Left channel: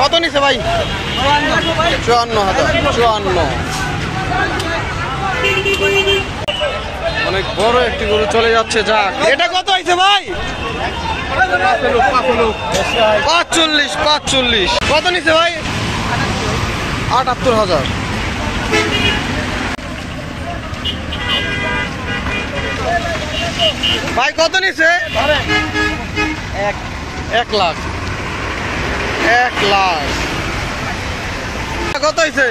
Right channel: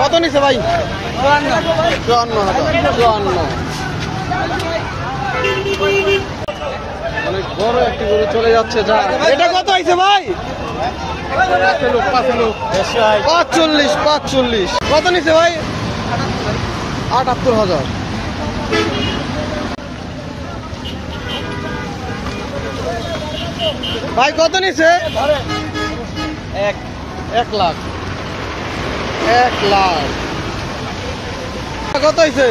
কত নিছে ভাই? 54,000। 54। অনেক বড় একটি গরু চলে যাচ্ছে। যা এটা কত হয়েছে ভাই? 45। 45 কত নিছে ভাই? 78,000। ভাই কত নিছে? 1 লাখ। 1 লাখ কত হয়েছে?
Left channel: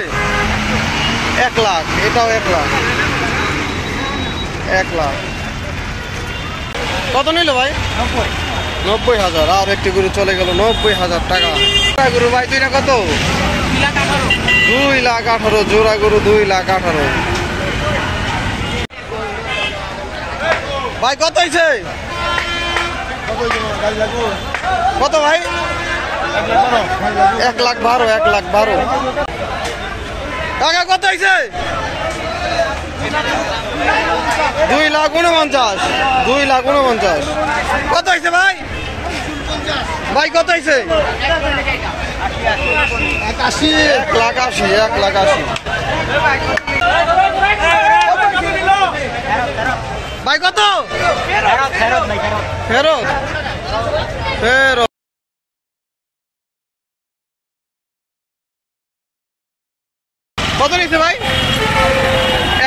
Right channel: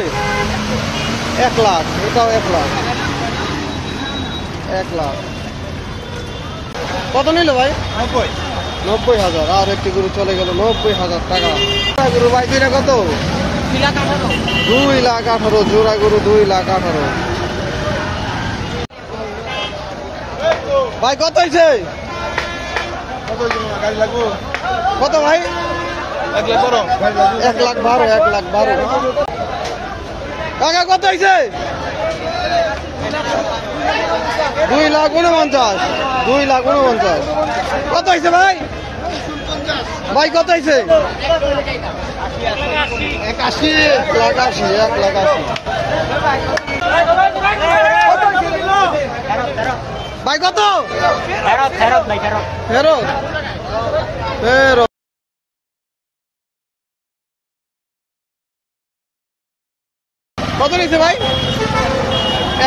1 লাখ। এটাও 1 লাখ। 1 লাখ কত নিল ভাই? 90,000। আর একটি গরু চলে গেল 90,000 টাকা। গরু ভাই দুইটা কত? 2,18,000। জোড়া গরু 2,18,000। ভাই কত হয়েছে? কত ভাই? 1,12,000। 1,12,000 টাকা কত হয়েছে? 2,49,000। 2,49,000 কত হয়েছে ভাই? ভাই কত হয়েছে? 1,80,000। 1,80,000। ভাই কত? ফেরত। ফেরত কত নিচ্ছে ভাই?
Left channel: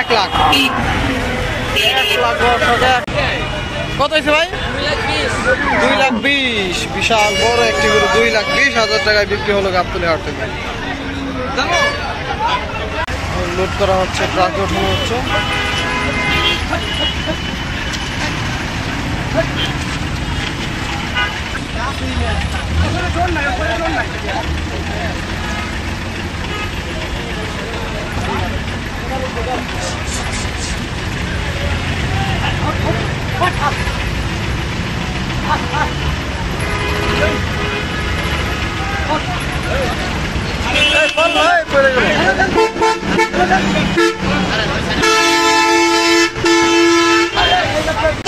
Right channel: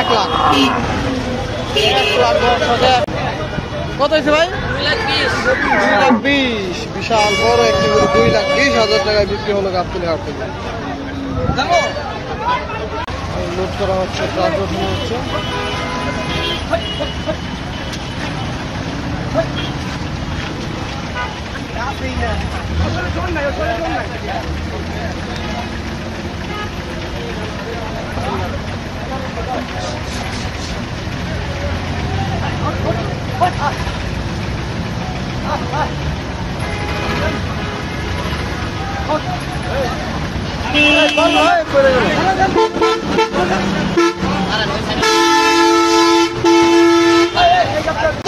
1 লাখ। 1 লাখ টাকা। কত হয়েছে ভাই? 2,20,000। বিশাল বড় একটি গরু 2,20,000 টাকায় বিক্রি হলো গাবতলী হাট থেকে। লোড করা হচ্ছে, ট্রাক ওঠানো হচ্ছে।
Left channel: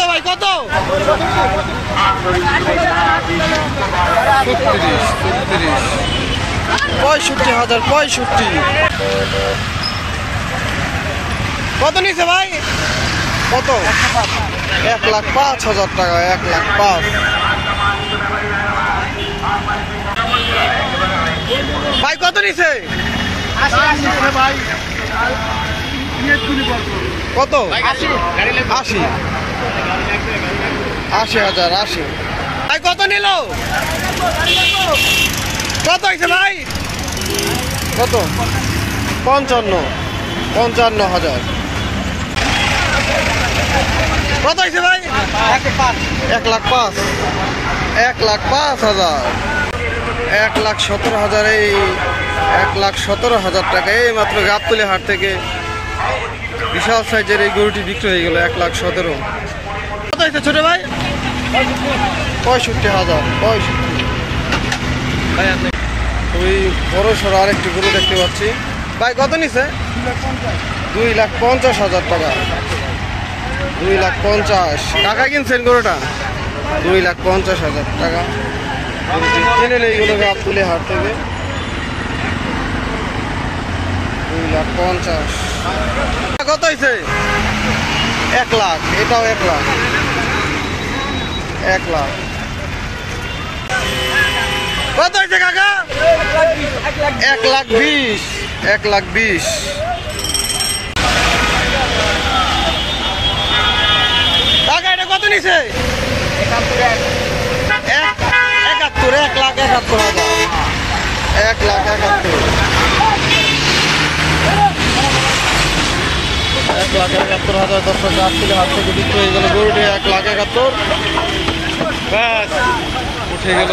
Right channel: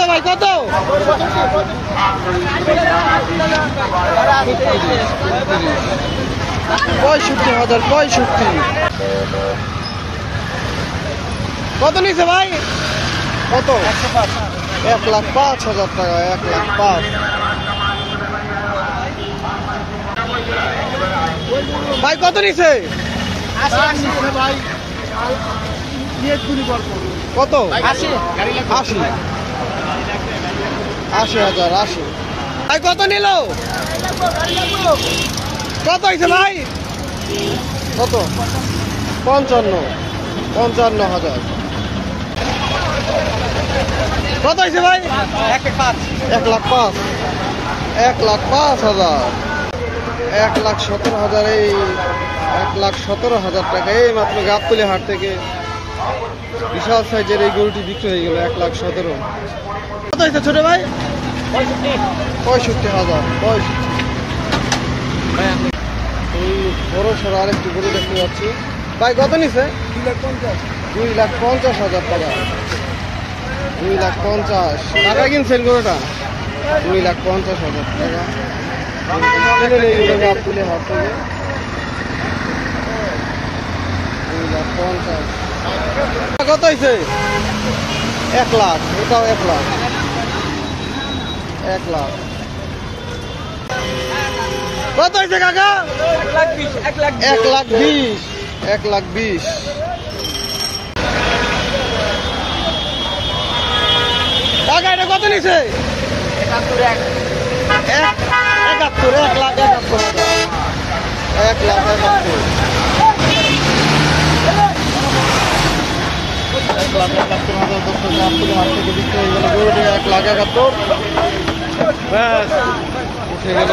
ভাই কত? 65,000। 65 কত নিছে ভাই? কত? 1,05,000 টাকা। 1,05,000 ভাই কত নিছে? কত? 80,000। 80,000। ভাই কত নিল? কত হয়েছে ভাই? কত? 55,000। কত হয়েছে ভাই? 1,05,000। 1,05,000। 1,17,000। এই 1,17,000 টাকা এই মাত্র গাবতলী হাট থেকে বিশাল সাইজের এই গরুটি বিক্রি হয়ে গেল 1,17,000। কত হয়েছে ছোট ভাই? 65,000। 65। ওই বড় সড়ো আরেকটি গরু দেখতে পাচ্ছি। ভাই কত নিছে? 2,50,000 টাকা। 2,50,000 টাকা কিনছেন গরুটা? 2,50,000 টাকা কিনে এইগুলো গাবতলী হাট থেকে। 2,50,000 কত হয়েছে? 1 লাখ। এটাও 1 লাখ। 1 লাখ কত হয়েছে কাকা? 1,20,000। 1,20,000 টাকা। এটা কত নিছে? 71,000। 1,71,000। 1,71,000। 1,71,000 দর্শক গাবতলী হাট থেকে বিক্রি হয়ে গেল গরুটি 1,71,000। ব্যাস উঠে গেল।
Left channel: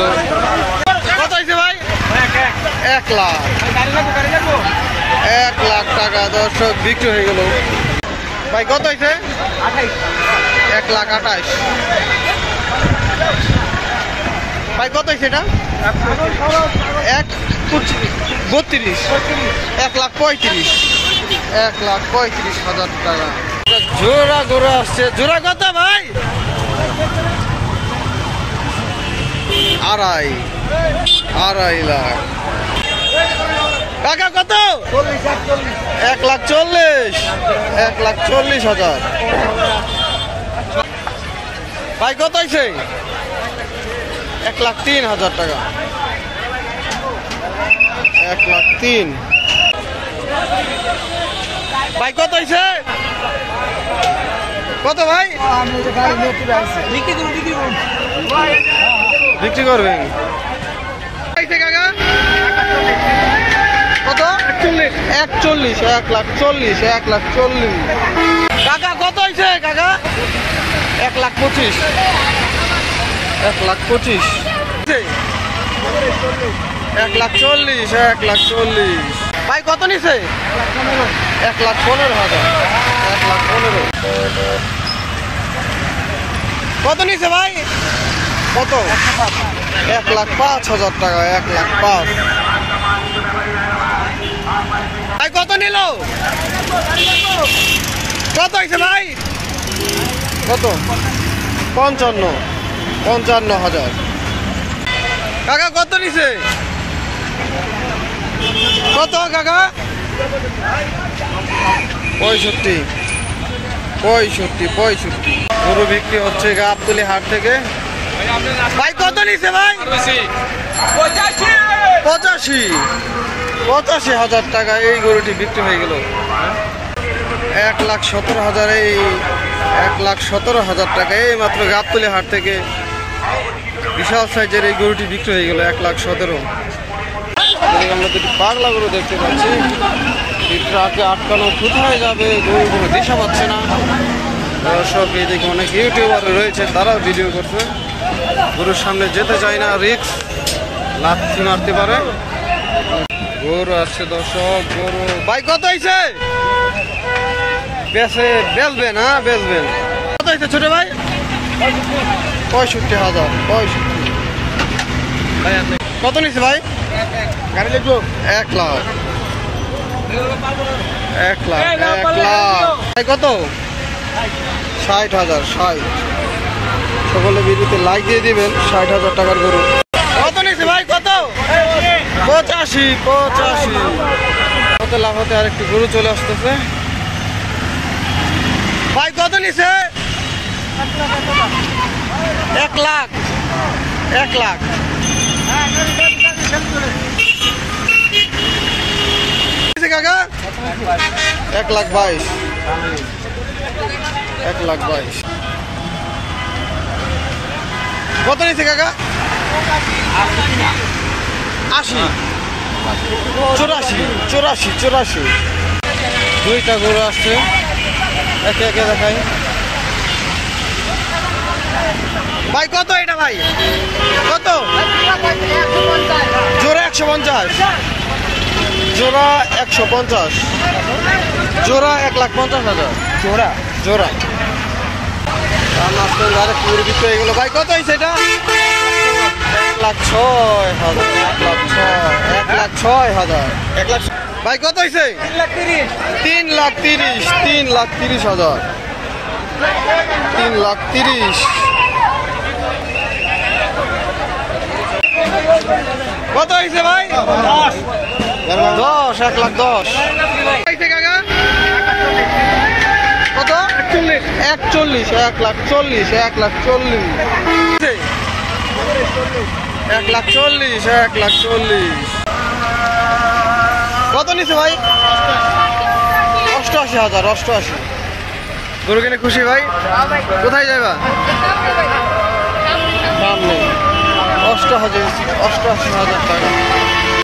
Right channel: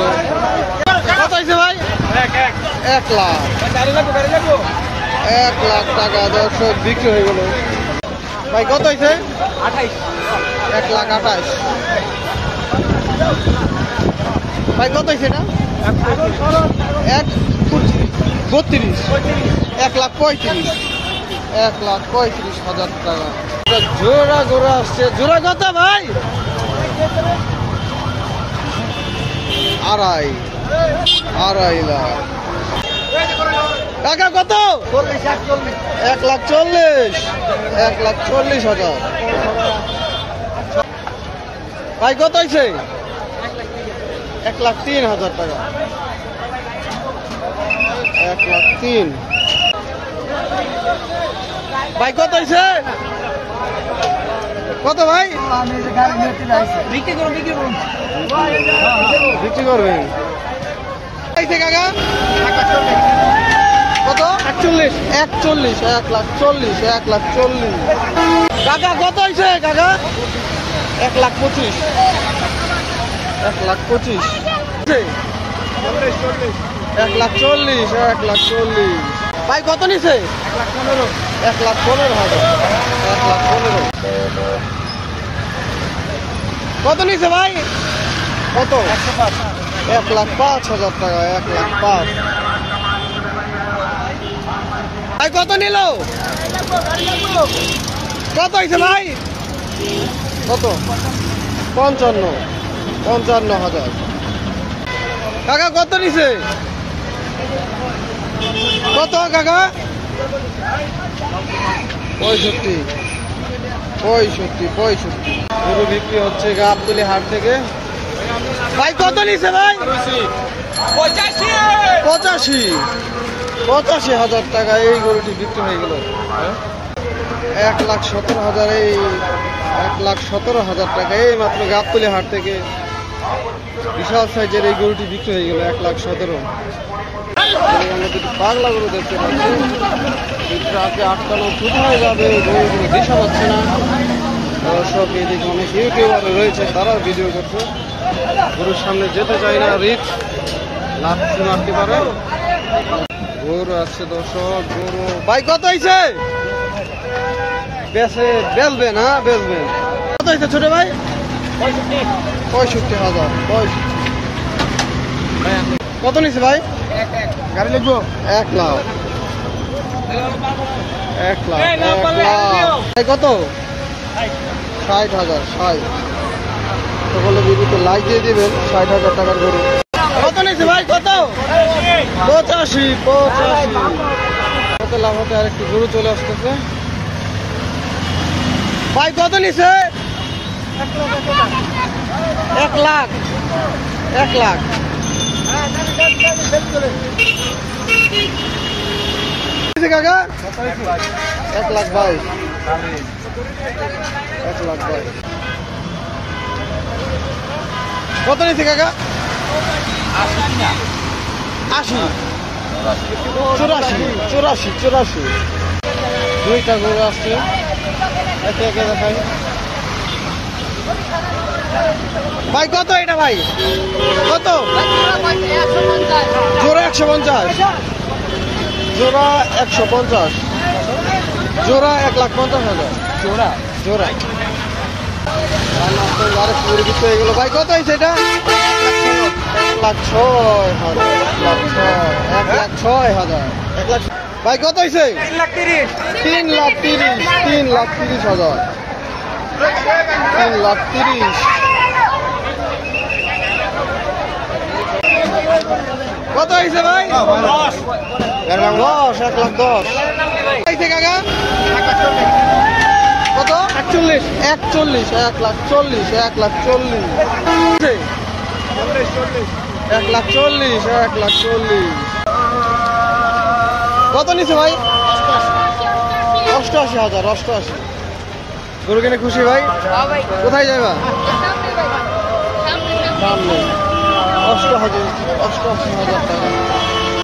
কত হয়েছে ভাই? 1 লাখ। 1 লাখ টাকা দর্শক বিক্রি হয়ে গেল। ভাই কত হয়েছে? 1,28,000। ভাই কত হয়েছে এটা? 1,32,000। 1,35,000। 1,35,000 টাকা। জোড়া গরু আসছে। জোড়া কত ভাই? 2.5 2.5 লাখ। কাকা কত? 1,40,000। 1,40,000 ভাই। কত হয়েছে? 1,03,000 টাকা। 1,03,000 ভাই। কত হয়েছে? কত ভাই? বিক্রি করবেন কাকা? কত? 41,40,000। 1,40,000। 1,40,000 কাকা। কত হয়েছে কাকা? 1,25,000। 1,25,000 1,40,000। 1,40,000 ভাই। কত নিছে? 1,15,000। 1,15,000 কত নিছে ভাই? কত? 1,05,000 টাকা। 1,05,000 ভাই। কত নিল? কত হয়েছে ভাই? কত? 55,000 কাকা। কত নিছে? কত কাকা? 65,000 গরু বিক্রি হচ্ছে গাবতলী হাট থেকে। ভাই কত নিছে ভাই? 85,000 টাকা এই গরুটি বিক্রি হয়ে গেল। 1,17,000 এই 1,17,000 টাকা এই মাত্র গাবতলী হাট থেকে বিশাল সাইজের এই গরুটি বিক্রি হয়ে গেল। 1,17,000 আমরা দুটি পাগলা গরু দেখতে পাচ্ছি। ট্রাকে আটকানো কোথায় যাবে গরুগুলো দিশা পাচ্ছে না। সব এদিকে অনেক ইউটিউবার রয়েছে, তারাও ভিডিও করছে। গরুর সামনে যেতে চায় না, রিস্ক, লাথি মারতে পারে। গরু আসছে দর্শক। গরু ভাই কত হয়েছে? বেচবেন? হ্যাঁ বেচবেন। কত হয়েছে ছোট ভাই? 65,000। কত নিচ্ছে ভাই? 1 লাখ। 1 লাখ। 1 লাখ ভাই। কত? 60,000। 60 সকলে ভিডিওতে লাইক দিয়ে দিবেন। 60,000 টাকার গরু। কত নিচ্ছে ভাই? কত? 85,000। কত লাভ হতে আরেকটি গরু চলে আসতেছে ভাই। কত নিচ্ছে? 1 লাখ। 1 লাখ কাকা। 1,22,000। 1,22,000 কত নিচ্ছে কাকা? 80। 84। দুইটা গরু আসছে, একে একে দেখাই ভাই। কত এটা ভাই? কত? জোড়া 150। জোড়া 150। জোড়া 1,50,000 জোড়া। আরেক গরু বিক্রি হয়ে গেল ভাই। কত হয়েছে এটা? 1,06,000। 1,06,000 ভাই। কত হয়েছে? 3,30,000। 3,30,000। 3,30,000 কত হয়েছে ভাই? 10। 1,10,000 হয়েছে কাকা। কত? 41। 1,40,000। 1,40,000 1,40,000 কত নিচ্ছে ভাই? 88,000। 88 গরু কিনে খুশি ভাই? কোথায় যাবা? সামনে। 88,000 টাকা।